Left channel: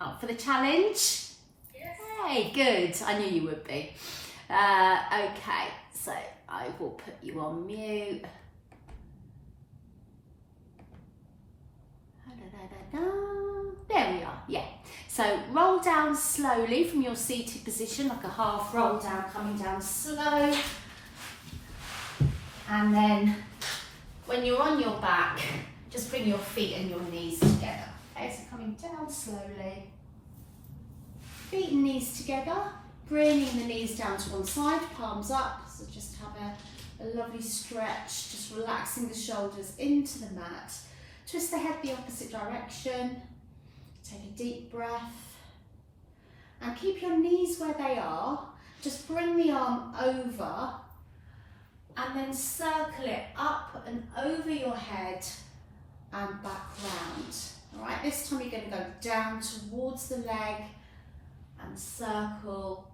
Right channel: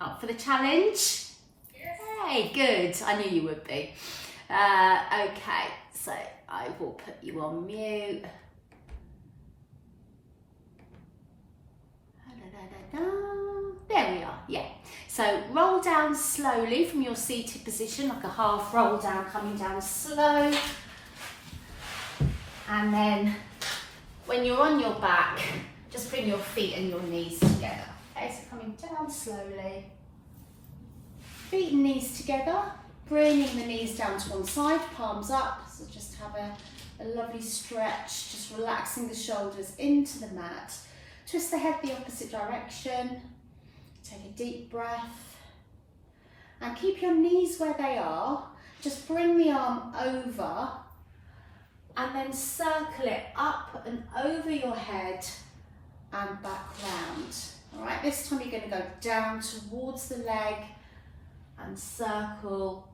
Up for the challenge? Hey, good. I knew you would be. Okay, so I will put you on mute. There we are, yeah. So roll down slowly from your seated position, like a half roll down, coming down slow. And then when you're on your back, just bring your feet and your knees together. Okay, so coming down slowly. Feet and knees together, bringing the knees down to one side, palms up. So just have a lovely stretch, just relaxing the shoulders into the mat. Twist the head the opposite direction. Take a deep breath. And keep your knees where they are. Just bring the arm over and then circle it up and over your head and back round. All right, this time you're going to go down towards the leg and circle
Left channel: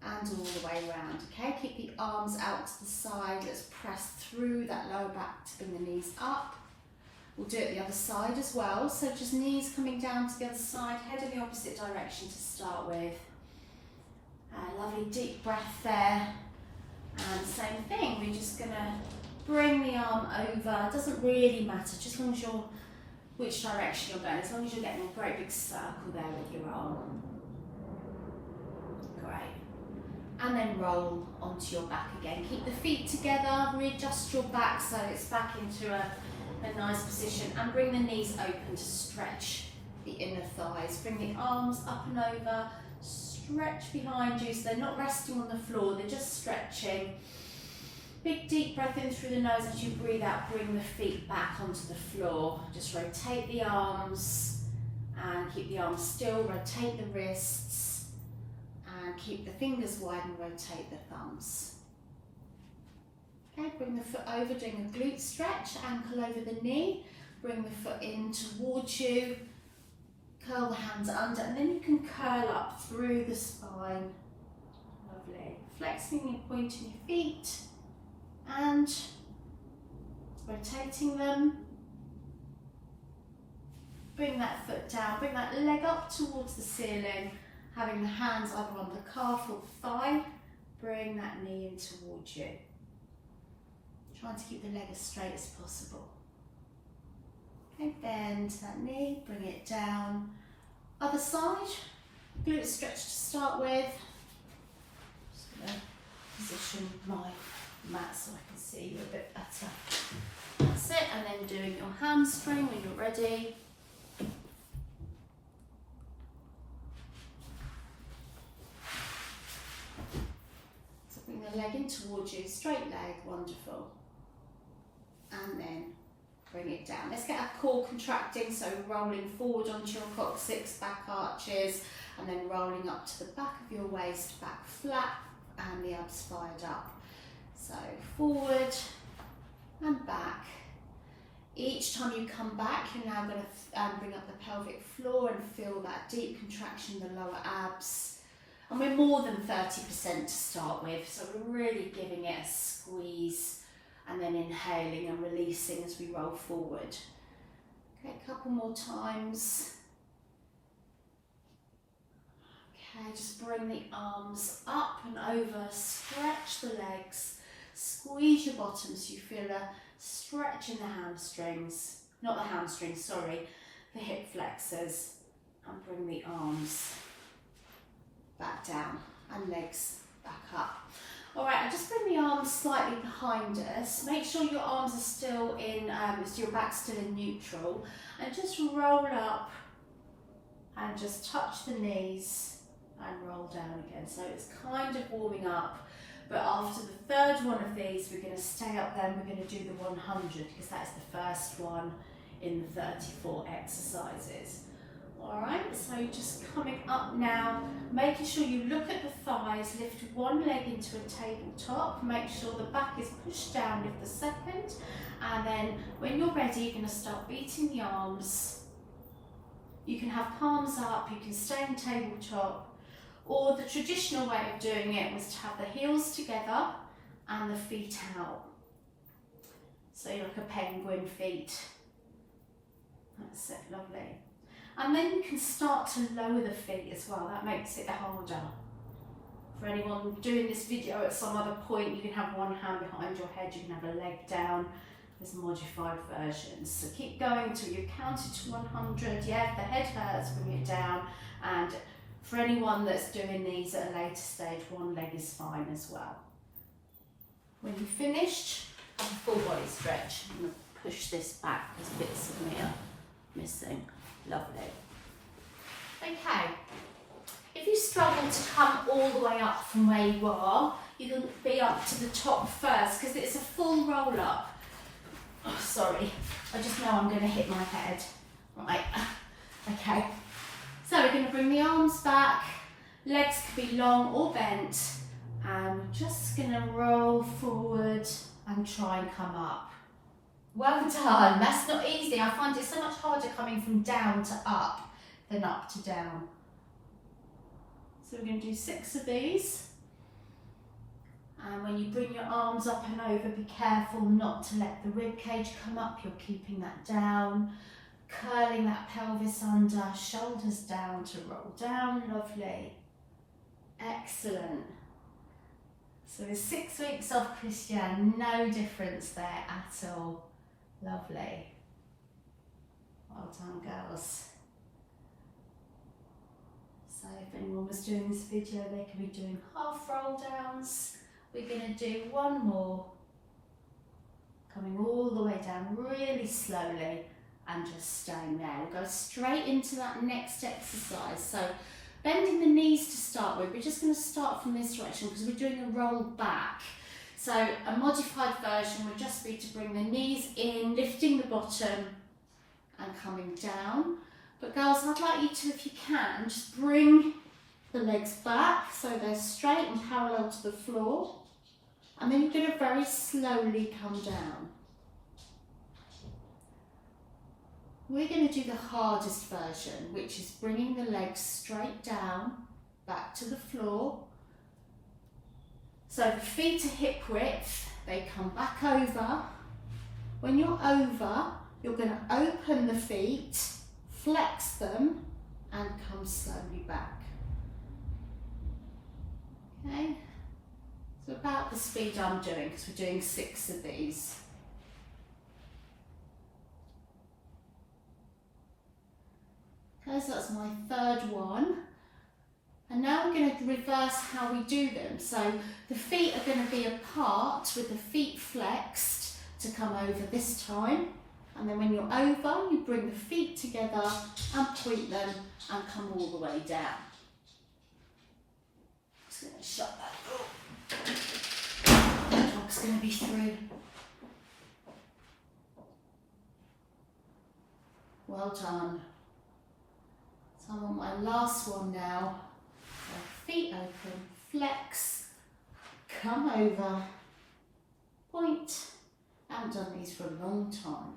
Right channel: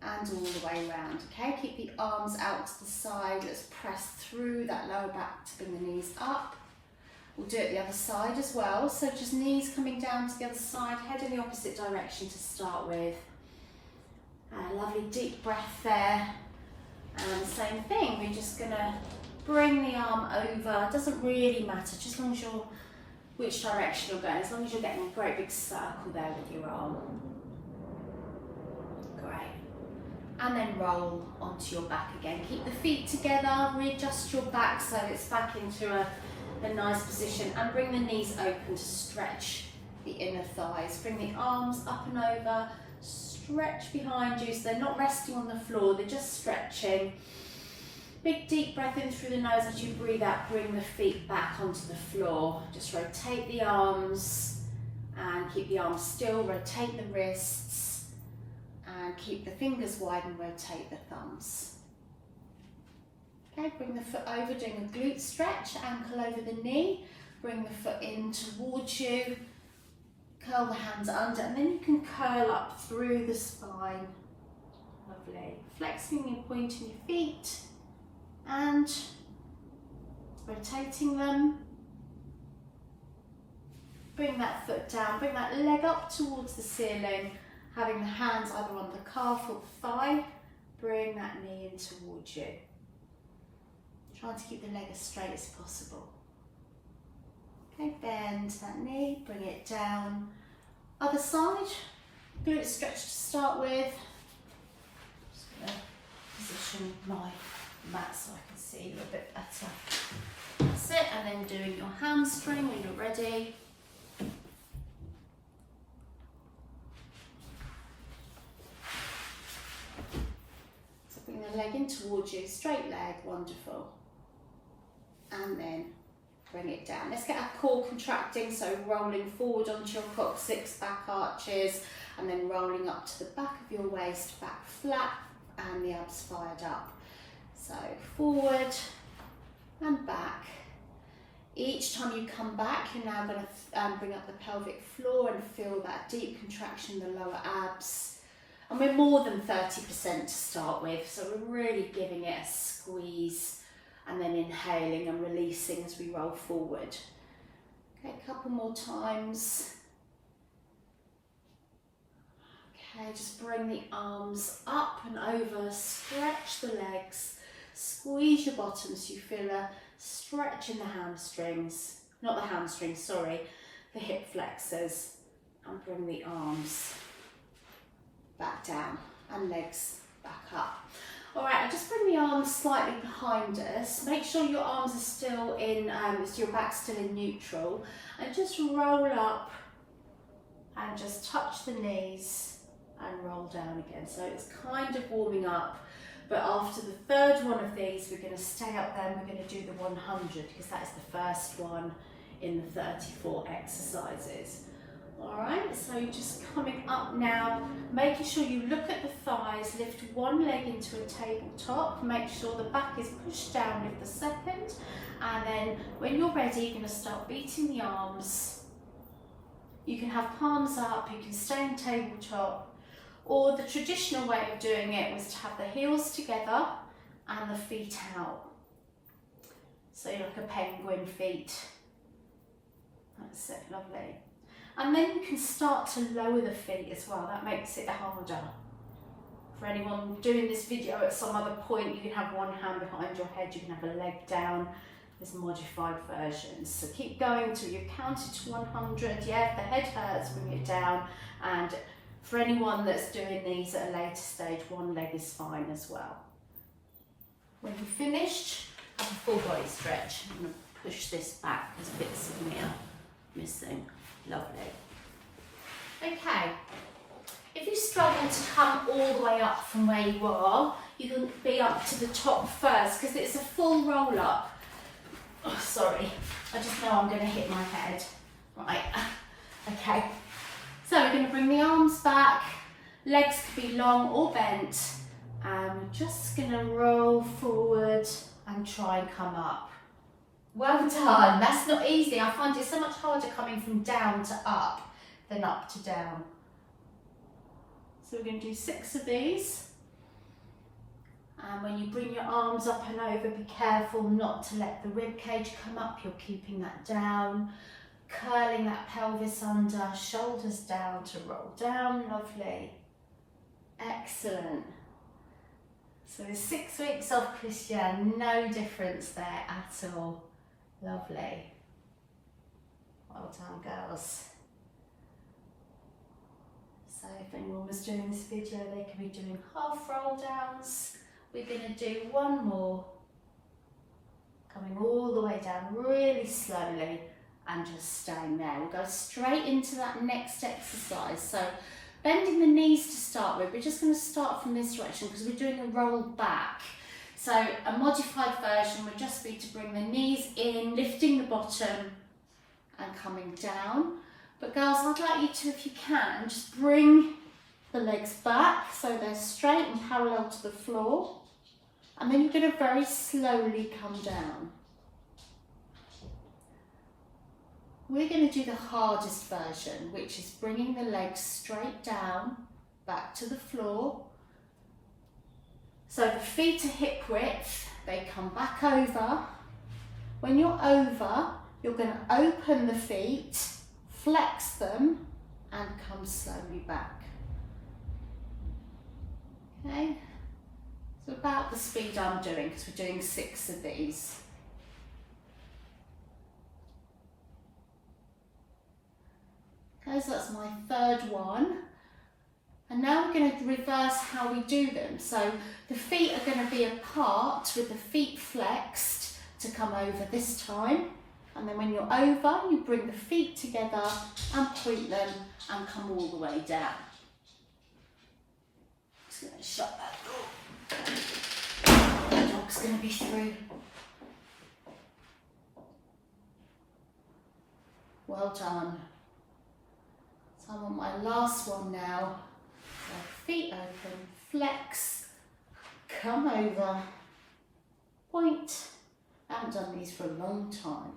and all the way around. Okay, keep the arms out to the side. Let's press through that lower back to bring the knees up. We'll do it the other side as well. So just knees coming down to the other side, head in the opposite direction to start with. A lovely deep breath there. And same thing, we're just going to bring the arm over. It doesn't really matter, just as long as you're, which direction you're going, as long as you're getting a great big circle there with your arm. Great. And then roll onto your back again. Keep the feet together, readjust your back so it's back into a nice position, and bring the knees open to stretch the inner thighs. Bring the arms up and over, stretch behind you so they're not resting on the floor, they're just stretching. Big deep breath in through the nose. As you breathe out, bring the feet back onto the floor. Just rotate the arms and keep the arms still, rotate the wrists and keep the fingers wide and rotate the thumbs. Okay, bring the foot over, doing a glute stretch, ankle over the knee, bring the foot in towards you, curl the hands under, and then you can curl up through the spine. Lovely. Flexing and pointing your feet and rotating them. Bring that foot down, bring that leg up towards the ceiling, having the hands either on the calf or the thigh. Bring that knee in towards you. Trying to keep the leg as straight as possible. Okay, bend that knee, bring it down. Other side, glute stretch to start with. Just going to position my mat so I can see you a bit better. That's it, and then doing your hamstring when you're ready. So bring the leg in towards you, straight leg, wonderful. And then bring it down. Let's get our core contracting, so rolling forward onto your coccyx, back arches, and then rolling up to the back of your waist, back flat, and the abs fired up. So forward and back. Each time you come back, you're now going to bring up the pelvic floor and feel that deep contraction in the lower abs. And we're more than 30% to start with, so we're really giving it a squeeze. And then inhaling and releasing as we roll forward. Okay, a couple more times. Okay, just bring the arms up and over, stretch the legs, squeeze your bottom so you feel a stretch in the hamstrings, not the hamstrings, sorry, the hip flexors, and bring the arms back down and legs back up. Alright, just bring the arms slightly behind us. Make sure your arms are still in, so your back's still in neutral. And just roll up and just touch the knees and roll down again. So it's kind of warming up. But after the third one of these, we're going to stay up there and we're going to do the 100 because that's the first one in the 34 exercises. Alright, so you're just coming up now, making sure you look at the thighs, lift one leg into a tabletop, make sure the back is pushed down with the second, and then when you're ready, you're going to start beating the arms. You can have palms up, you can stay in tabletop, or the traditional way of doing it was to have the heels together and the feet out. So you're like a penguin feet. That's it, lovely. And then you can start to lower the feet as well. That makes it harder. For anyone doing this video at some other point, you can have one hand behind your head, you can have a leg down. There's modified versions. So keep going till you've counted to 100. Yeah, if the head hurts, bring it down. And for anyone that's doing these at a later stage, one leg is fine as well. When you've finished, have a full body stretch. I'm going to push this back because bits of me are missing. Lovely. Okay. If you struggle to come all the way up from where you are, you can be up to the top first because it's a full roll up. Oh, sorry, I just know I'm going to hit my head. Right, okay. So we're going to bring the arms back, legs can be long or bent, and we're just going to roll forward and try and come up. Well done, that's not easy. I find it so much harder coming from down to up than up to down. So we're going to do 6 of these. And when you bring your arms up and over, be careful not to let the rib cage come up. You're keeping that down, curling that pelvis under, shoulders down to roll down. Lovely. Excellent. So there's 6 weeks off, Christian. No difference there at all. Lovely. Well done, girls. So if anyone was doing this video, they could be doing half roll downs. We're going to do one more, coming all the way down really slowly and just staying there. We'll go straight into that next exercise. So bending the knees to start with. We're just going to start from this direction because we're doing a roll back. So a modified version would just be to bring the knees in, lifting the bottom and coming down. But girls, I'd like you to, if you can, just bring the legs back so they're straight and parallel to the floor. And then you're going to very slowly come down. We're going to do the hardest version, which is bringing the legs straight down, back to the floor. So the feet are hip width, they come back over. When you're over, you're going to open the feet, flex them, and come slowly back. Okay, so about the speed I'm doing, because we're doing 6 of these. Okay, so that's my 3rd one. And now we're going to reverse how we do them. So the feet are going to be apart with the feet flexed to come over this time. And then when you're over, you bring the feet together and point them and come all the way down. Just going to shut that door. The dog's going to be through. Well done. So I'm on my last one now. Feet open, flex, come over, point. I haven't done these for a long time.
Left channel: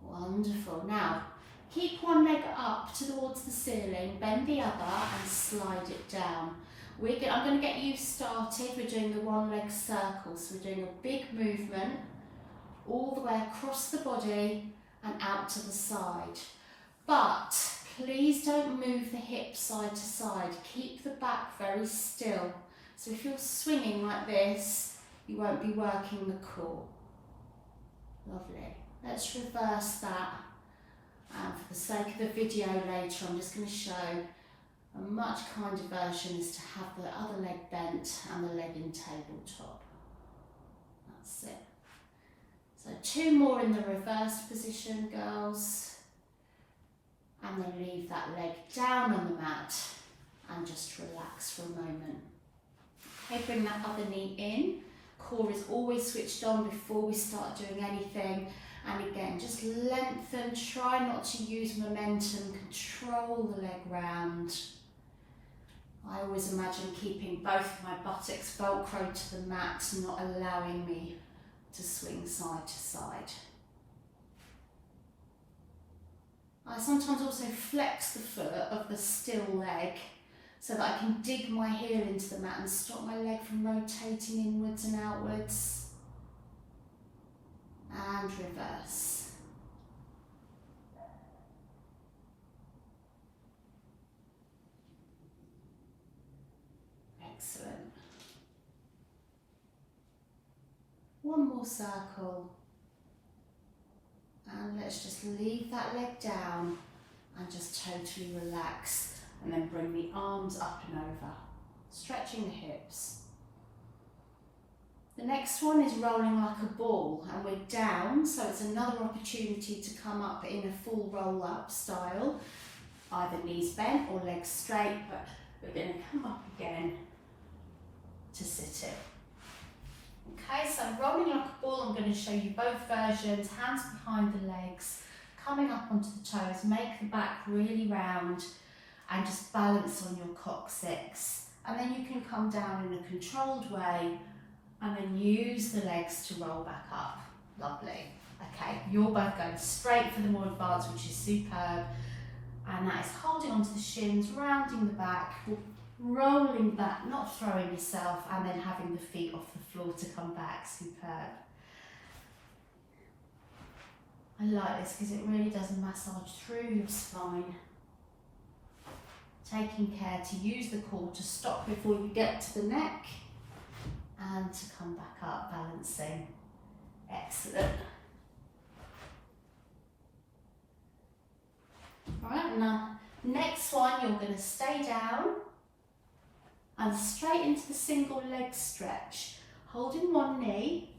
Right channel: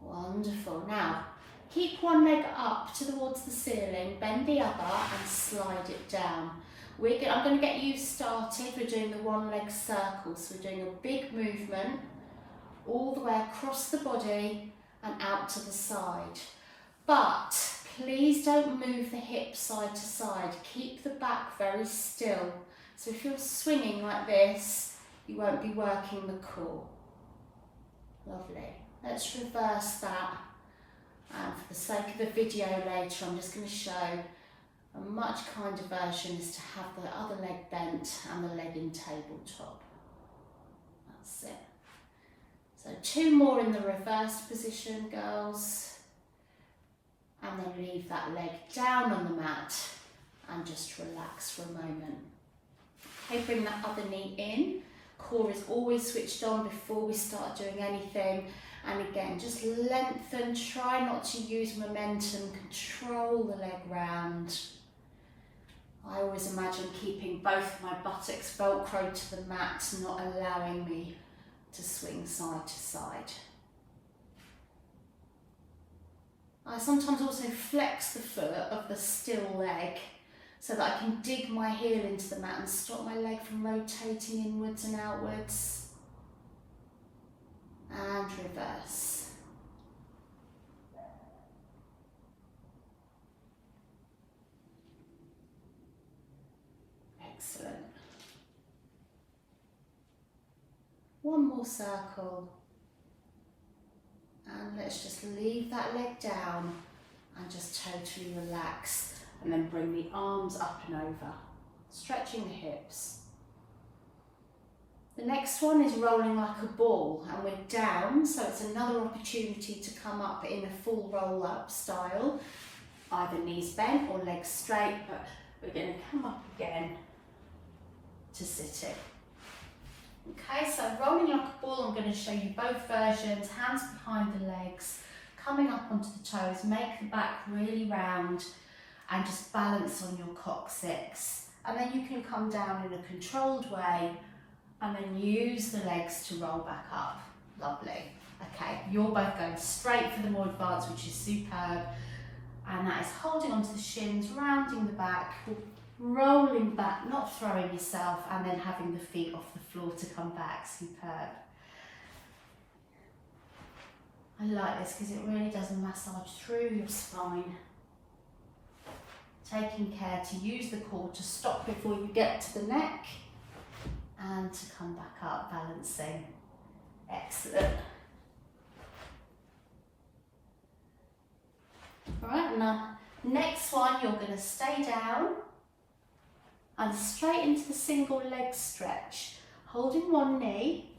Wonderful. Now, keep one leg up towards the ceiling, bend the other and slide it down. I'm going to get you started. We're doing the one leg circle. So we're doing a big movement all the way across the body and out to the side. But please don't move the hips side to side. Keep the back very still. So if you're swinging like this, you won't be working the core. Lovely. Let's reverse that. And for the sake of the video later, I'm just going to show a much kinder version is to have the other leg bent and the leg in tabletop. That's it. So 2 more in the reversed position, girls. And then leave that leg down on the mat and just relax for a moment. Okay, bring that other knee in. Core is always switched on before we start doing anything. And again, just lengthen, try not to use momentum, control the leg round. I always imagine keeping both my buttocks velcroed to the mat, not allowing me to swing side to side. I sometimes also flex the foot of the still leg so that I can dig my heel into the mat and stop my leg from rotating inwards and outwards. And reverse. Excellent. One more circle. And let's just leave that leg down and just totally relax. And then bring the arms up and over, stretching the hips. The next one is rolling like a ball, and we're down, so it's another opportunity to come up in a full roll up style, either knees bent or legs straight, but we're going to come up again to sit in. Okay, so rolling like a ball, I'm going to show you both versions, hands behind the legs, coming up onto the toes, make the back really round and just balance on your coccyx. And then you can come down in a controlled way and then use the legs to roll back up. Lovely. Okay, you're both going straight for the more advanced, which is superb. And that is holding onto the shins, rounding the back, rolling back, not throwing yourself, and then having the feet off the floor to come back. Superb. I like this because it really does massage through your spine. Taking care to use the core to stop before you get to the neck and to come back up, balancing. Excellent. Right, now next one, you're going to stay down and straight into the single leg stretch, holding one knee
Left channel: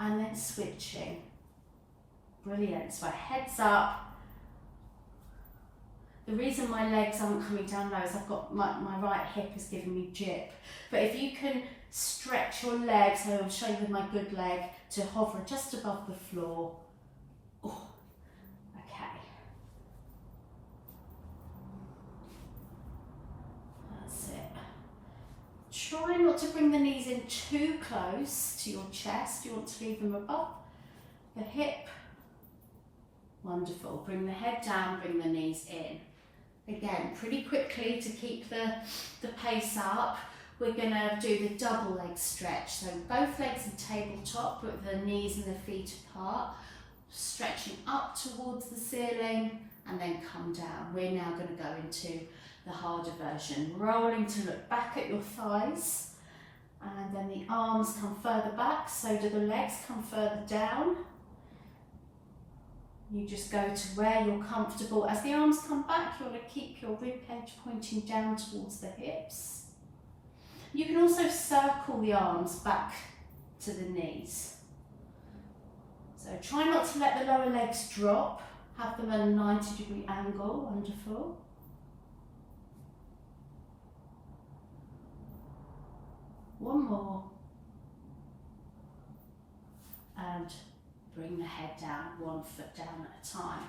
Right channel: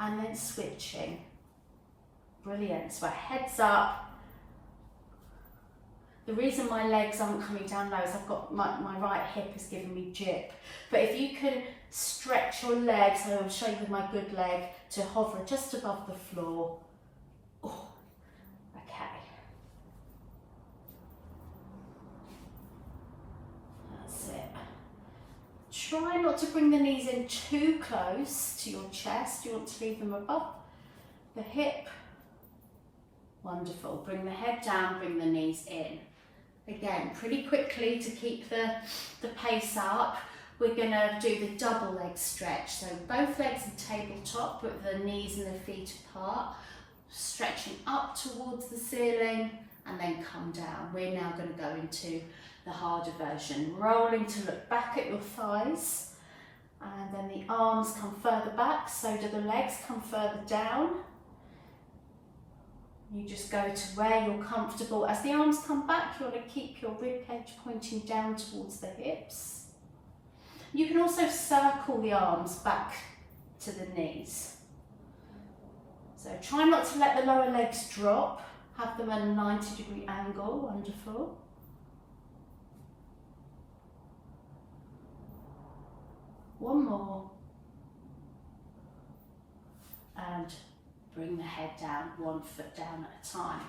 and then switching. Brilliant. So heads up. The reason my legs aren't coming down low is I've got my right hip is giving me jip. But if you can stretch your legs, and I'll show you with my good leg, to hover just above the floor. Oh, okay. That's it. Try not to bring the knees in too close to your chest. You want to leave them above the hip. Wonderful. Bring the head down, bring the knees in. Again, pretty quickly to keep the pace up, we're going to do the double leg stretch. So both legs are tabletop, but the knees and the feet apart, stretching up towards the ceiling and then come down. We're now going to go into the harder version, rolling to look back at your thighs, and then the arms come further back, so do the legs come further down. You just go to where you're comfortable. As the arms come back, you want to keep your rib cage pointing down towards the hips. You can also circle the arms back to the knees. So try not to let the lower legs drop. Have them at a 90-degree angle. Wonderful. One more. And bring the head down, 1 foot down at a time.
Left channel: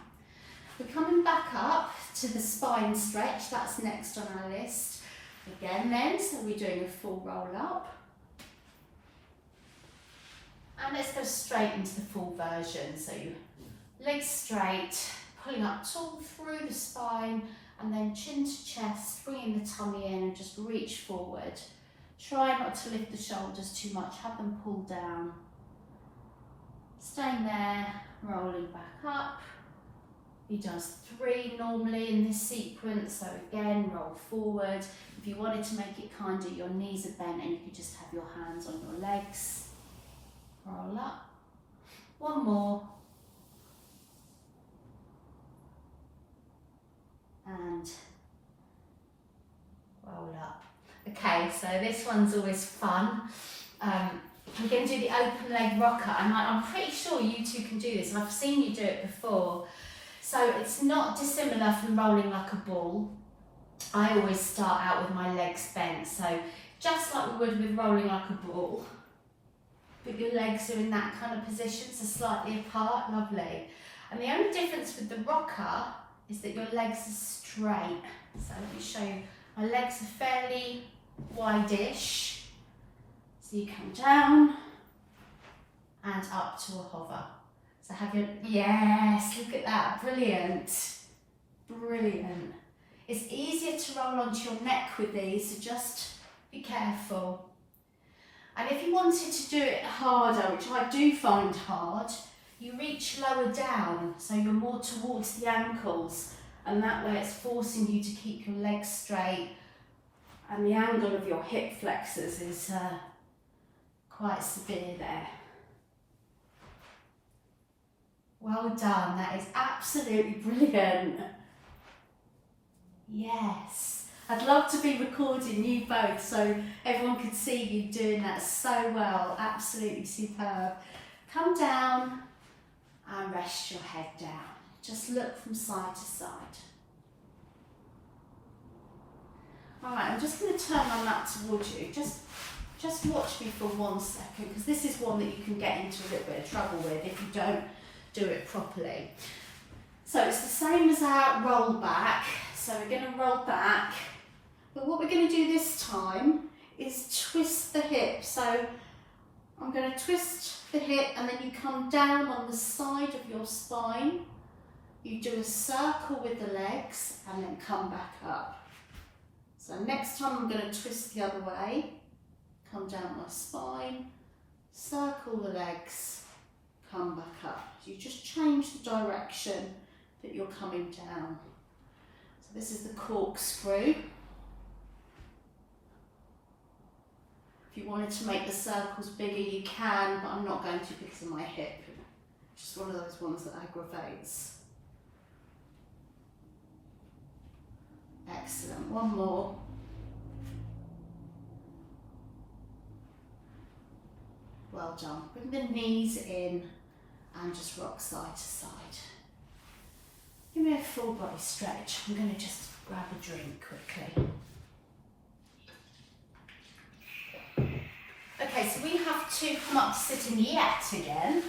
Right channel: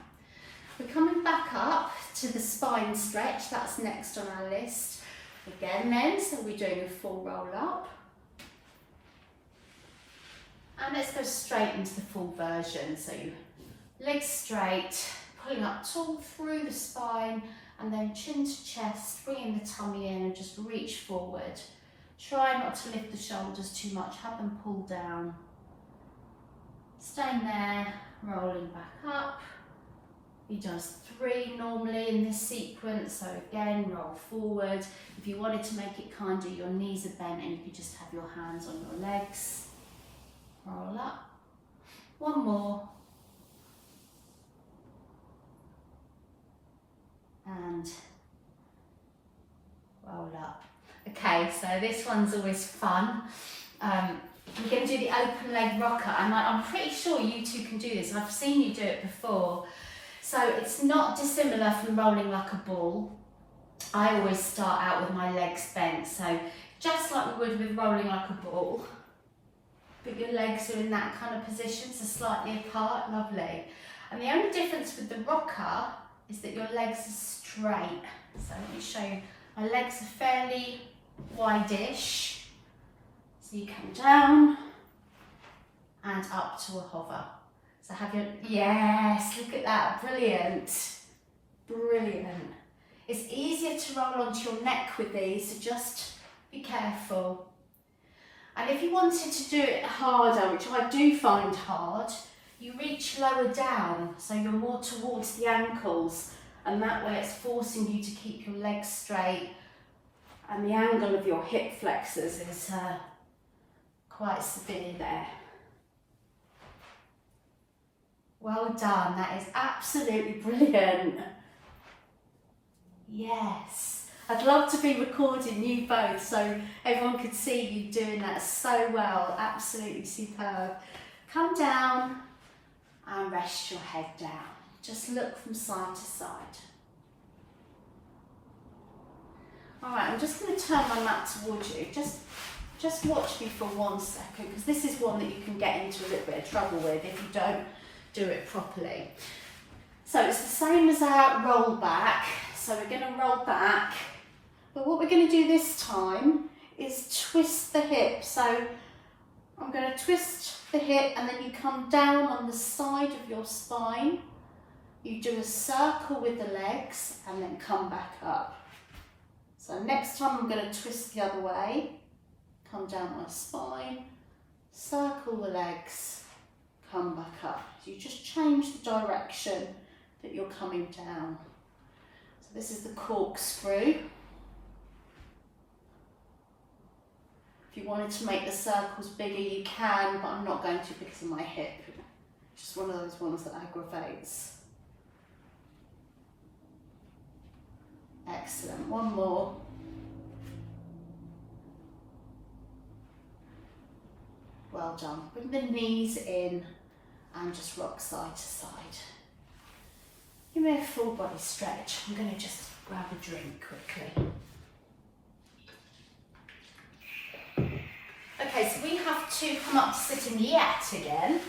We're coming back up to the spine stretch, that's next on our list. Again then, so we're doing a full roll up. And let's go straight into the full version. So you legs straight, pulling up tall through the spine, and then chin to chest, bringing the tummy in and just reach forward. Try not to lift the shoulders too much, have them pull down. Staying there, rolling back up. He does 3 normally in this sequence, so again, roll forward. If you wanted to make it kinder, your knees are bent and you could just have your hands on your legs. Roll up. One more. And roll up. Okay, so this one's always fun. We're going to do the open leg rocker, and I'm pretty sure you two can do this. I've seen you do it before. So it's not dissimilar from rolling like a ball. I always start out with my legs bent, so just like we would with rolling like a ball, but your legs are in that kind of position, so slightly apart, lovely. And the only difference with the rocker is that your legs are straight. So let me show you, my legs are fairly wide-ish. So you come down and up to a hover. So have your, yes, look at that, brilliant, brilliant. It's easier to roll onto your neck with these, so just be careful. And if you wanted to do it harder, which I do find hard, you reach lower down, so you're more towards the ankles, and that way it's forcing you to keep your legs straight And the angle of your hip flexors is quite severe there. Well done, that is absolutely brilliant. Yes, I'd love to be recording you both so everyone could see you doing that so well, absolutely superb. Come down and rest your head down. Just look from side to side. All right, I'm just going to turn my mat towards you. Just watch me for 1 second, because this is one that you can get into a little bit of trouble with if you don't do it properly. So it's the same as our roll back. So we're going to roll back, but what we're going to do this time is twist the hip. So I'm going to twist the hip and then you come down on the side of your spine. You do a circle with the legs and then come back up. So next time I'm going to twist the other way, come down my spine, circle the legs, come back up. So you just change the direction that you're coming down. So this is the corkscrew. If you wanted to make the circles bigger, you can, but I'm not going to because of my hip. It's just one of those ones that aggravates. Excellent, one more. Well done. Bring the knees in and just rock side to side. Give me a full body stretch. I'm going to just grab a drink quickly. Okay, so we have to come up to sitting yet again.